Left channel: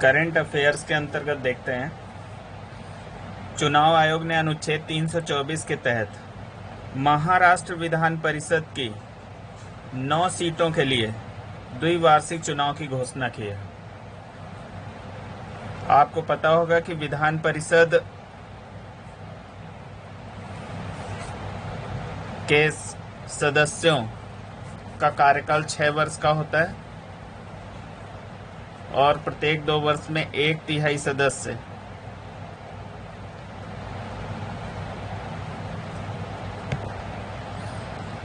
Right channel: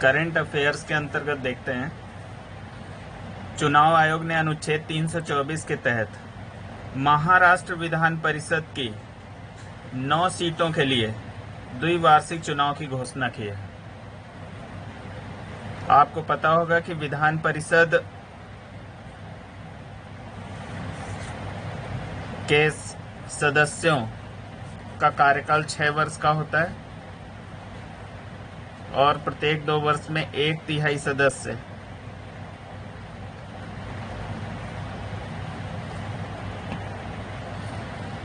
Current affairs के अंतर्गत देखते हैं। चुनाव आयोग ने अनुच्छेद 324 के तहत महाराष्ट्र विधान परिषद की 9 सीटों के लिए द्विवार्षिक चुनाव की घोषणा की है। आपको पता होगा कि विधान परिषद के सदस्यों का कार्यकाल 6 वर्ष का होता है और प्रत्येक 2 वर्ष में 1/3 सदस्य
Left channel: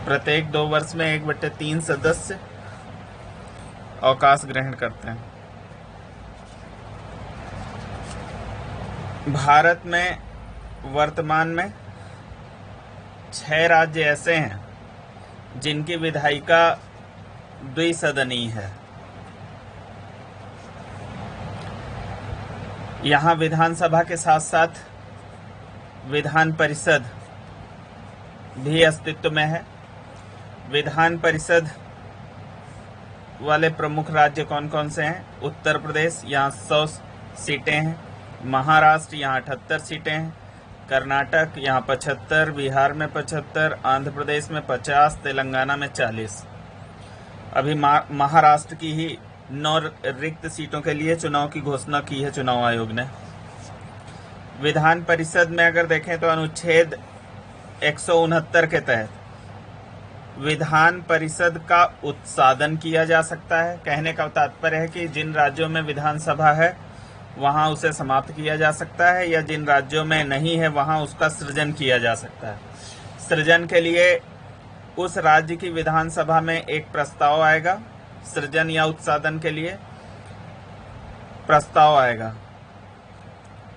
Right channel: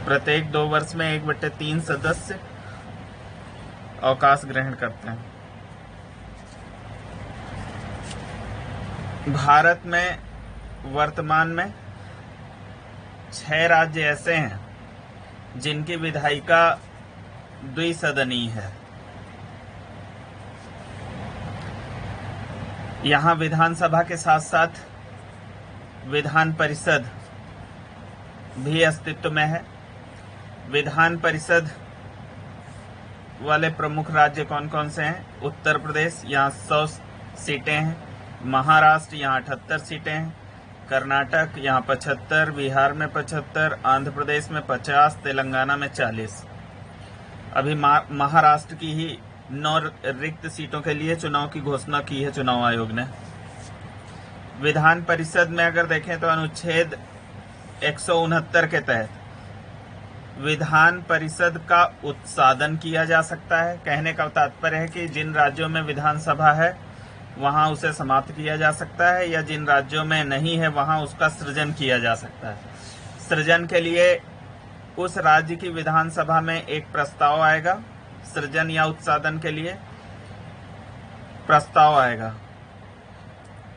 प्रत्येक 2 वर्ष में 1/3 सदस्य अवकाश ग्रहण करते हैं। भारत में वर्तमान में 6 राज्य ऐसे हैं जिनकी विधायिका द्विसदनीय है। यहाँ विधानसभा के साथ साथ विधान परिषद भी अस्तित्व में है। विधान परिषद वाले प्रमुख राज्य कौन कौन से हैं? उत्तर प्रदेश, यहाँ 100 सीटें हैं। महाराष्ट्र, यहाँ 78 सीटें हैं। कर्नाटक, यहाँ 75, बिहार में 75, आंध्र प्रदेश में 50, तेलंगाना में 40। अभी महाराष्ट्र की ही 9 रिक्त सीटों के लिए चुनाव की घोषणा की है चुनाव आयोग ने। विधान परिषद में अगर देखें तो अनुच्छेद 169 के तहत विधान परिषद का उत्सादन किया जा सकता है। कहने का तात्पर्य है कि जिन राज्यों में विधानसभा है वहां उसे समाप्त किया जा सकता है, या जिन राज्यों में नहीं है वहां उसका सृजन किया जा सकता है। सृजन के लिए उस राज्य की विधानसभा में एक प्रस्ताव आएगा। सृजन या उत्सादन के लिए प्रस्ताव आएगा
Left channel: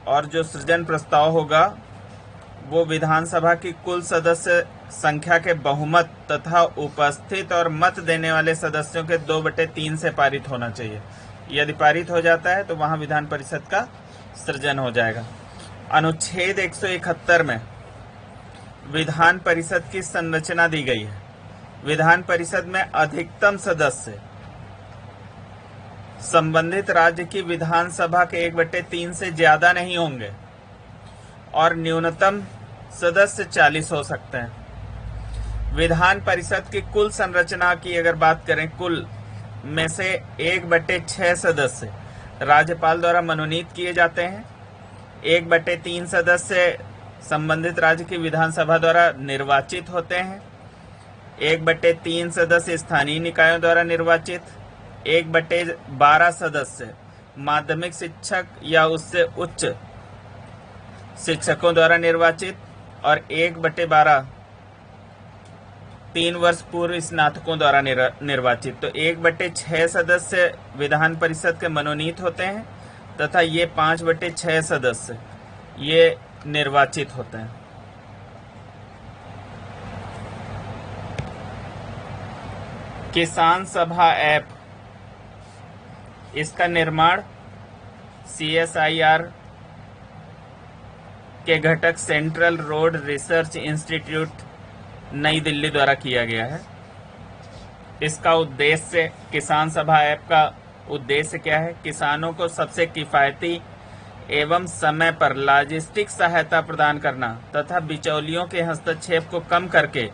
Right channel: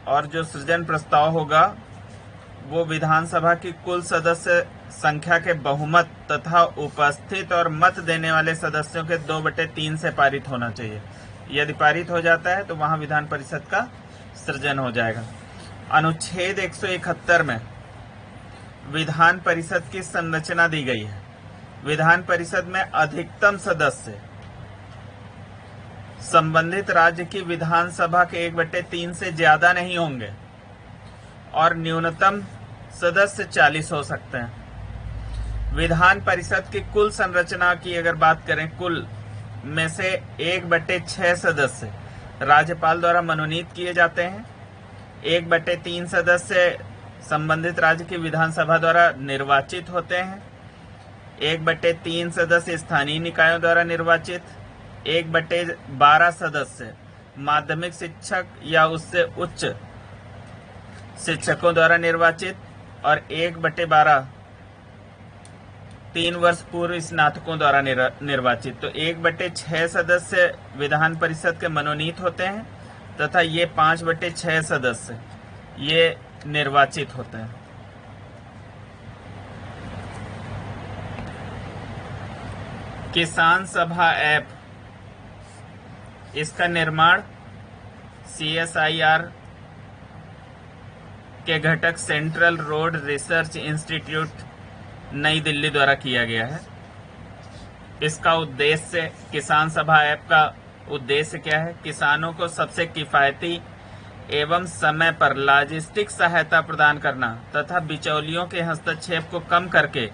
और जो सृजन प्रस्ताव होगा वो विधानसभा की कुल सदस्य संख्या के बहुमत तथा उपस्थित और मत देने वाले सदस्यों के 2/3 से पारित होना चाहिए। यदि पारित हो जाता है तो वहां विधान परिषद का सृजन हो जाएगा। अनुच्छेद 171 में विधान परिषद की संरचना दी गई है। विधान परिषद में अधिकतम सदस्य संबंधित राज्य की विधानसभा के 1/3 से ज्यादा नहीं होंगे और न्यूनतम सदस्य 40 हो सकते हैं। विधान परिषद की कुल संरचना की अगर बात करें, कुल में से 1/6 सदस्य राज्यपाल द्वारा मनोनीत किए जाते हैं। 1/3 सदस्य संबंधित राज्य की विधानसभा द्वारा निर्वाचित होते हैं। 1/3 सदस्य स्थानीय निकायों द्वारा निर्वाचित। 1/12 सदस्य माध्यमिक शिक्षक या उससे उच्च शिक्षकों द्वारा निर्वाचित और 1/12 3 वर्ष पूर्व स्नातकों द्वारा निर्वाचित। तो 1/6 सदस्य विधान परिषद के मनोनीत होते हैं तथा ये 5/6 सदस्य ये निर्वाचित होते हैं। किसान सभा ऐप, इसका निर्माण CSIR के घटक सेंट्रल रोड रिसर्च इंस्टीट्यूट नई दिल्ली द्वारा किया गया है। इसका उद्देश्य, किसान सभा ऐप का उद्देश्य क्या है? किसानों को सबसे किफायती एवं समय पर लॉजिस्टिक सहायता प्रदान करना तथा बिचौलियों के हस्तक्षेप को कम करके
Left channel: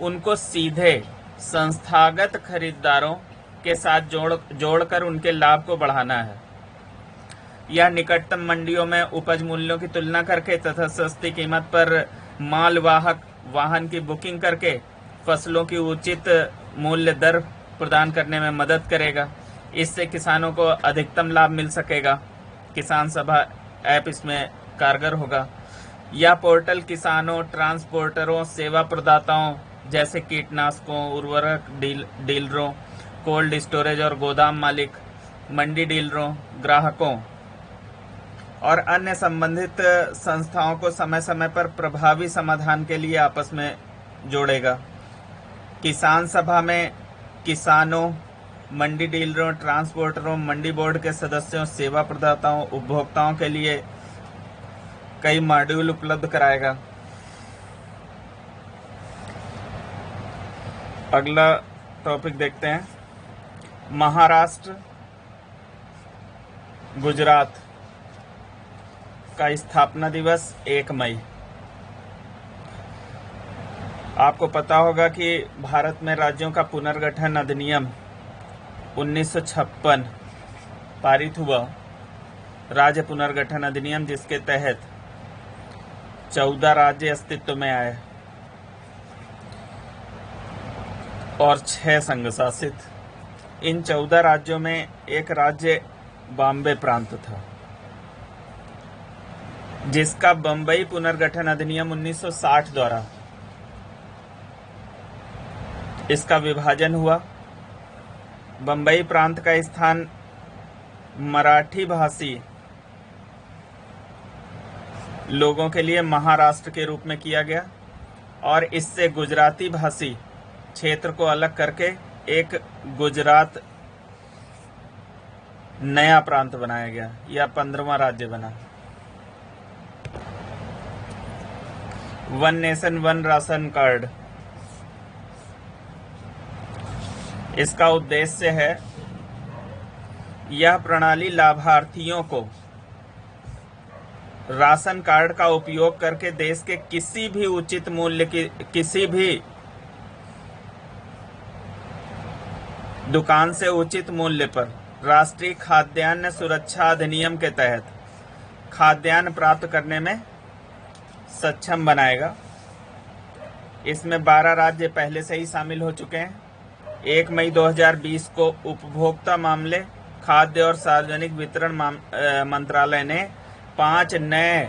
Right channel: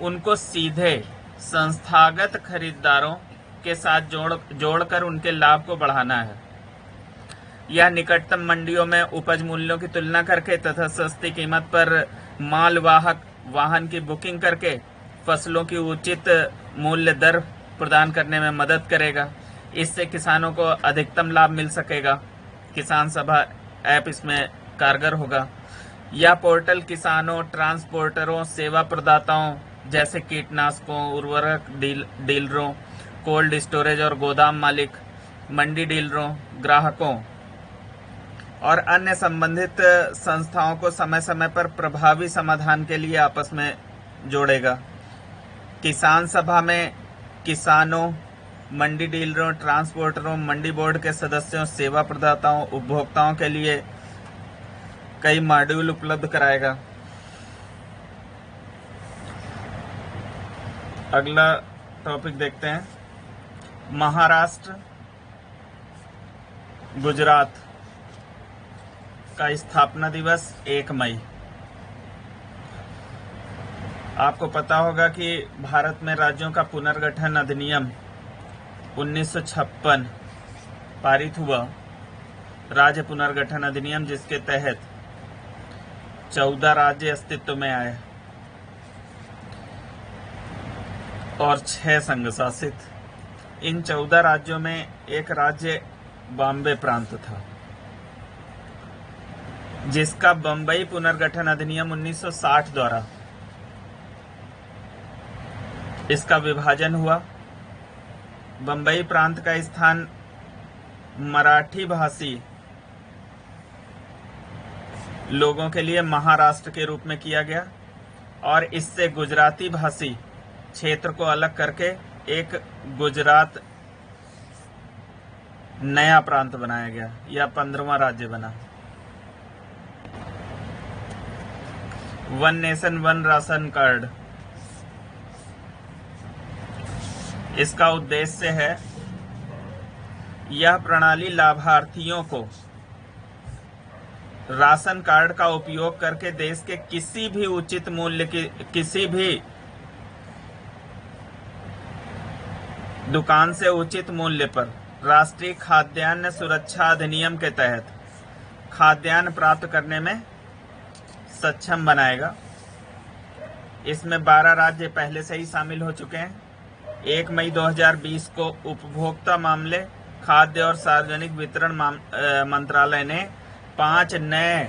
उनको सीधे संस्थागत खरीदारों के साथ जोड़कर उनके लाभ को बढ़ाना है। यह निकटतम मंडियों में उपज मूल्यों की तुलना करके तथा सस्ती कीमत पर मालवाहक वाहन की बुकिंग करके फसलों की उचित मूल्य दर प्रदान करने में मदद करेगा। इससे किसानों को अधिकतम लाभ मिल सकेगा। किसान सभा ऐप इसमें कारगर होगा। यह पोर्टल किसानों, ट्रांसपोर्टरों, सेवा प्रदाताओं जैसे कीटनाशकों, उर्वरक डीलरों, कोल्ड स्टोरेज और गोदाम मालिक, मंडी डीलरों, ग्राहकों और अन्य संबंधित संस्थाओं को समय समय पर प्रभावी समाधान के लिए आपस में जोड़ेगा। किसान सभा में किसानों, मंडी डीलरों, ट्रांसपोर्टरों, मंडी बोर्ड के सदस्यों, सेवा प्रदाताओं, उपभोक्ताओं के लिए कई मॉड्यूल उपलब्ध कराएगा। अगला टॉपिक देखते हैं। महाराष्ट्र गुजरात का स्थापना दिवस 1 मई। आपको पता होगा कि भारत में राज्यों का पुनर्गठन अधिनियम 1956 पारित हुआ, राज्य पुनर्गठन अधिनियम, जिसके तहत 14 राज्य अस्तित्व में आए और 6 संघ शासित। इन 14 राज्यों में एक राज्य बॉम्बे प्रांत था, जिसका बम्बई पुनर्गठन अधिनियम 1960 द्वारा इसका विभाजन हुआ। बम्बई प्रांत का स्थान मराठी भाषी लोगों के लिए महाराष्ट्र के रूप में किया गया और इससे गुजराती भाषी क्षेत्र को अलग करके एक गुजरात नया प्रांत बनाया गया। यह 15वां राज्य बना। One nation one ration card, इसका उद्देश्य है, यह प्रणाली लाभार्थियों को राशन कार्ड का उपयोग करके देश के किसी भी उचित मूल्य की किसी भी दुकान से उचित मूल्य पर राष्ट्रीय खाद्यान्न सुरक्षा अधिनियम के तहत खाद्यान्न प्राप्त करने में सक्षम बनाएगा। इसमें 12 राज्य पहले से ही शामिल हो चुके हैं। 1 मई 2020 को उपभोक्ता मामले, खाद्य और सार्वजनिक वितरण मंत्रालय ने 5 नए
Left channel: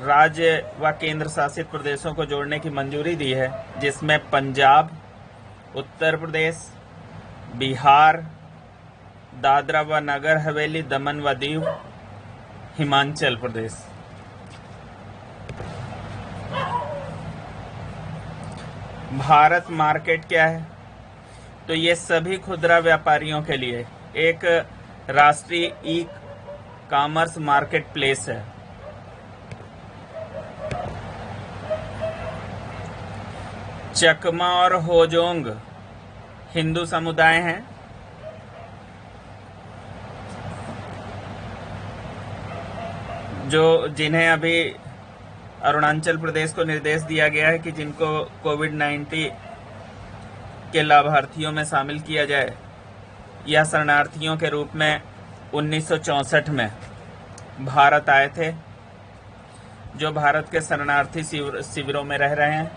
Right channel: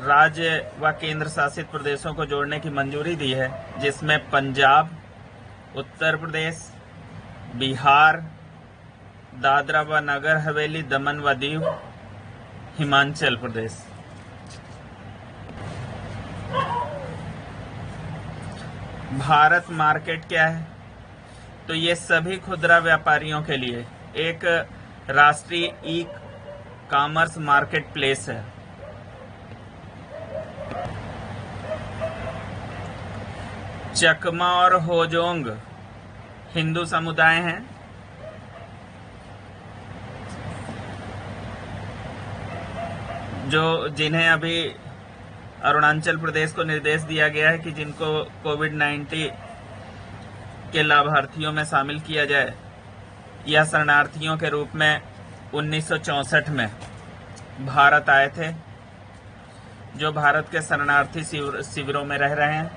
राज्य व केंद्र शासित प्रदेशों को जोड़ने की मंजूरी दी है, जिसमें पंजाब, उत्तर प्रदेश, बिहार, दादरा व नगर हवेली, दमन व दीव, हिमाचल प्रदेश। भारत मार्केट क्या है? तो ये सभी खुदरा व्यापारियों के लिए एक राष्ट्रीय ई कॉमर्स मार्केट प्लेस है। चकमा और होजोंग हिंदू समुदाय हैं। जिन्हें अभी अरुणाचल प्रदेश को निर्देश दिया गया है कि जिनको कोविड-19 के लाभार्थियों में शामिल किया जाए। यह शरणार्थियों के रूप में 1964 में भारत आए थे, जो भारत के शरणार्थी शिविरों में रह रहे हैं।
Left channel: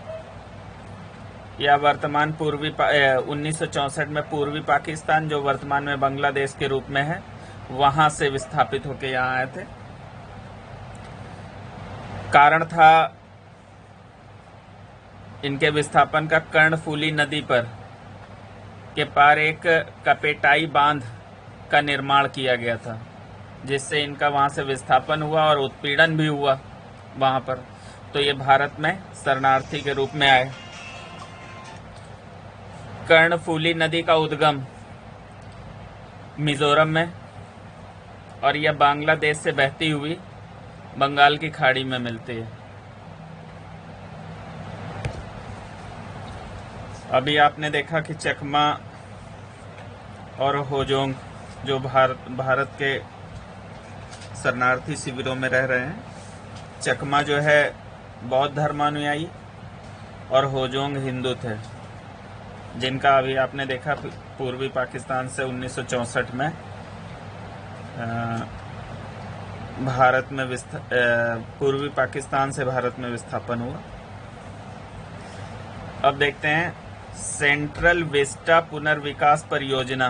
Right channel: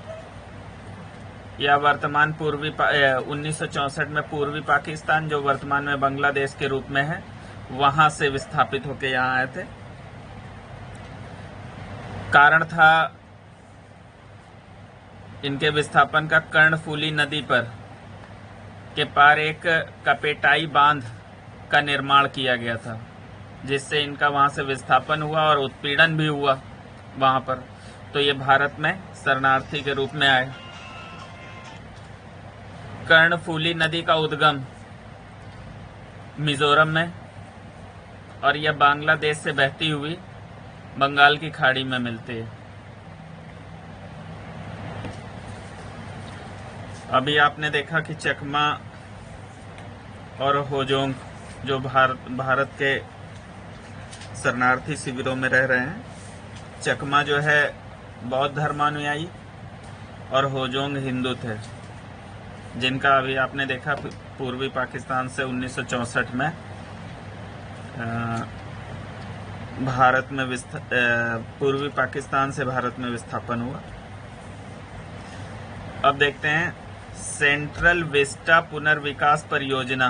यह वर्तमान 1964 में पूर्वी पाकिस्तान, जो वर्तमान में बांग्लादेश के रूप में है, वहां से विस्थापित होकर यहाँ आए थे। कारण था इनके विस्थापन का कर्णफूली नदी पर के पार एक कपेटाई बांध का निर्माण किया गया था, जिससे इनका वहां से विस्थापन हुआ और उत्पीड़न भी हुआ वहां पर। तो ये भारत में शरणार्थी के रूप में आए। कर्णफूली नदी का उद्गम मिजोरम में और यह बांग्लादेश से बहती हुई बंगाल की खाड़ी में मिलती है। अभी आपने देखा कि चकमा और होजोंग जो भारत के शरणार्थी शिविरों में रह रहे हैं। चकमा जो है बौद्ध धर्मानुयायी और होजोंग हिंदू थे, जिनका अभी आपने देखा पूर्वी पाकिस्तान से 1964 में भारत में पूर्वी पाकिस्तान से भारत में विस्थापन हुआ। अब देखते हैं सेंट्रल विस्टा पुनर्विकास परियोजना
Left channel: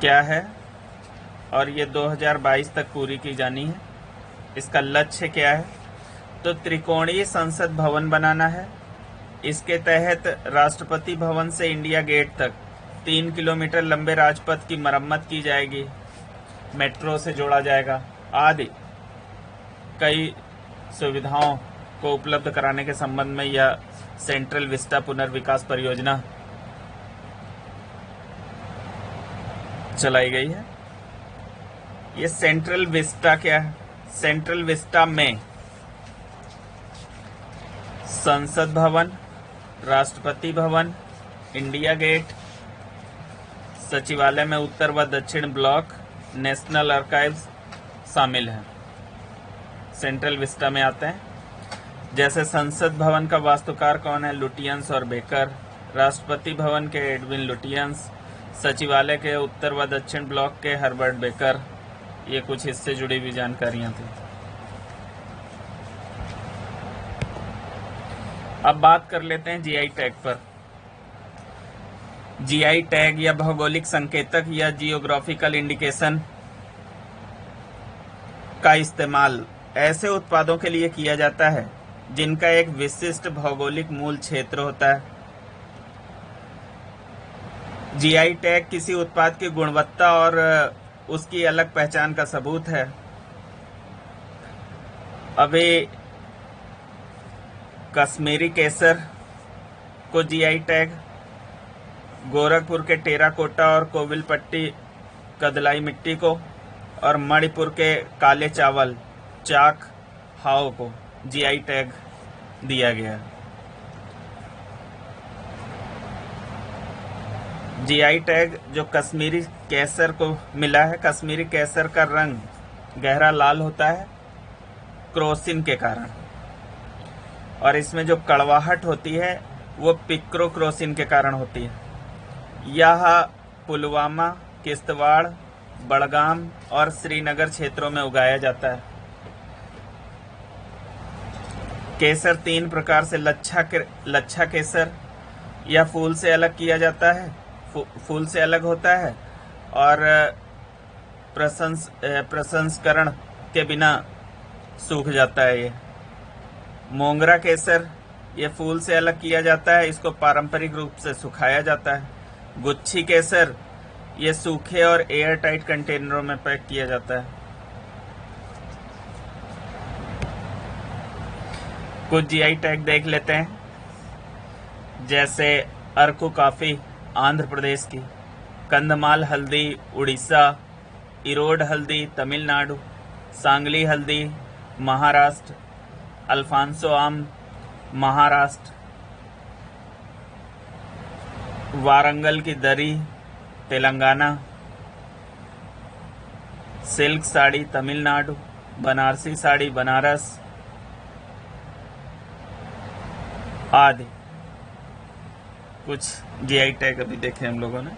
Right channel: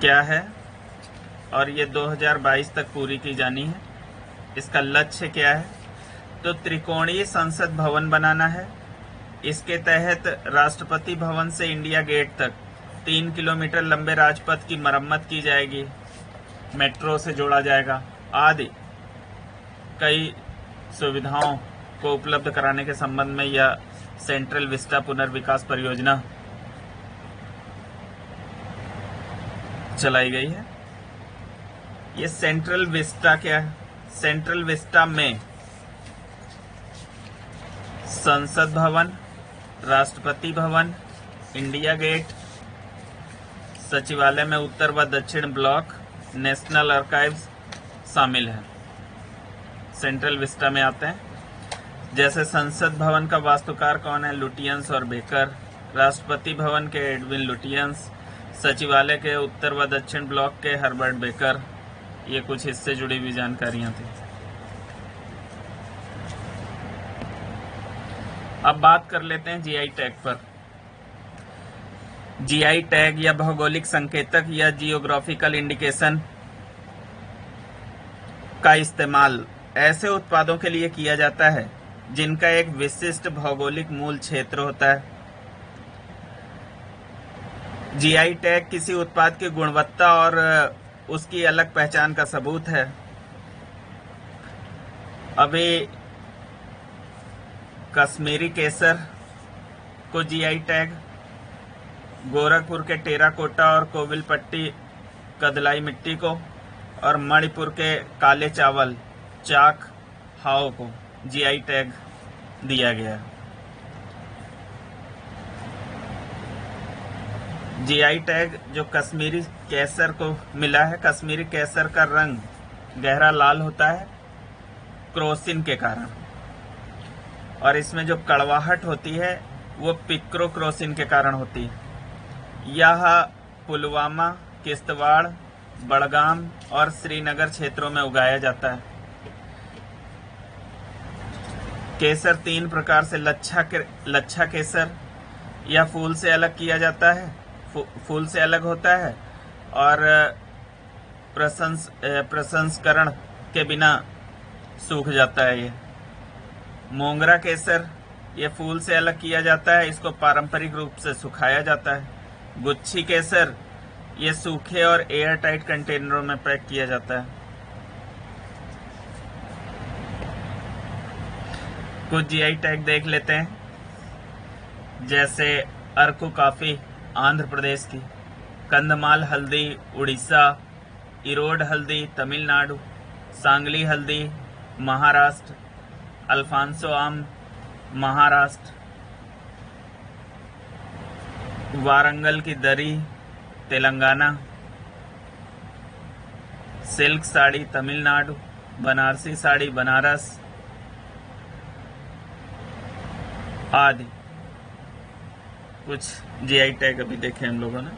क्या है और ये 2022 तक पूरी की जानी है। इसका लक्ष्य क्या है? तो त्रिकोणीय संसद भवन बनाना है। इसके तहत राष्ट्रपति भवन से इंडिया गेट तक 3 किलोमीटर लंबे राजपथ की मरम्मत की जाएगी, मेट्रो से जोड़ा जाएगा आदि कई सुविधाओं को उपलब्ध कराने के संबंध में यह सेंट्रल विस्टा पुनर्विकास परियोजना चलाई गई है। ये सेंट्रल विस्टा क्या है? सेंट्रल विस्टा में संसद भवन, राष्ट्रपति भवन, इंडिया गेट, सचिवालय में उत्तर व दक्षिण ब्लॉक नेशनल आर्काइव्स शामिल है, सेंट्रल विस्टा में आते हैं। जैसे संसद भवन का वास्तुकार कौन है? लुटियंस और बेकर। राष्ट्रपति भवन के एडविन लुटियंस। सचिवालय के उत्तर व दक्षिण ब्लॉक के हर्बर्ट बेकर। ये कुछ इससे जुड़ी हुई जानकारियां थी। अब बात कर लेते हैं जीआई टैग पर। जीआई टैग या भौगोलिक संकेतक या जियोग्राफिकल इंडिकेशन का इस्तेमाल ऐसे उत्पादों के लिए किया जाता है जिनका एक विशिष्ट भौगोलिक मूल क्षेत्र होता है। जीआई टैग किसी उत्पाद की गुणवत्ता और उसकी अलग पहचान का सबूत है। अभी कश्मीरी केसर को जीआई टैग, गोरखपुर के टेराकोटा और कोविलपट्टी कदलाई मिट्टी को, और मणिपुर के काले चावल चाक हाओ को जीआई टैग दिया गया। जीआई टैग जो कश्मीरी केसर को मिला है, कश्मीरी केसर का रंग गहरा लाल होता है क्रोसिन के कारण, और इसमें जो कड़वाहट होती है वो पिक्रोक्रोसिन के कारण होती है। यह पुलवामा, किश्तवाड़, बड़गाम और श्रीनगर क्षेत्रों में उगाया जाता है। केसर 3 प्रकार से लच्छा केसर या फूल से अलग किया जाता है, फूल से अलग होता है और प्रसंस्करण के बिना सूख जाता है। ये मोंगरा केसर, ये फूल से अलग किया जाता है, इसको पारंपरिक रूप से सुखाया जाता है। गुच्छी केसर, ये सूखे और एयर टाइट कंटेनरों में पैक किया जाता है। कुछ जीआई टैग देख लेते हैं, जैसे अरकू कॉफी आंध्र प्रदेश की, कंधमाल हल्दी उड़ीसा, इरोड हल्दी तमिलनाडु, सांगली हल्दी महाराष्ट्र, अल्फांसो आम महाराष्ट्र, वारंगल की दरी तेलंगाना, सिल्क साड़ी तमिलनाडु, बनारसी साड़ी बनारस आदि। कुछ जीआई टैग अभी देखे हम लोगों ने।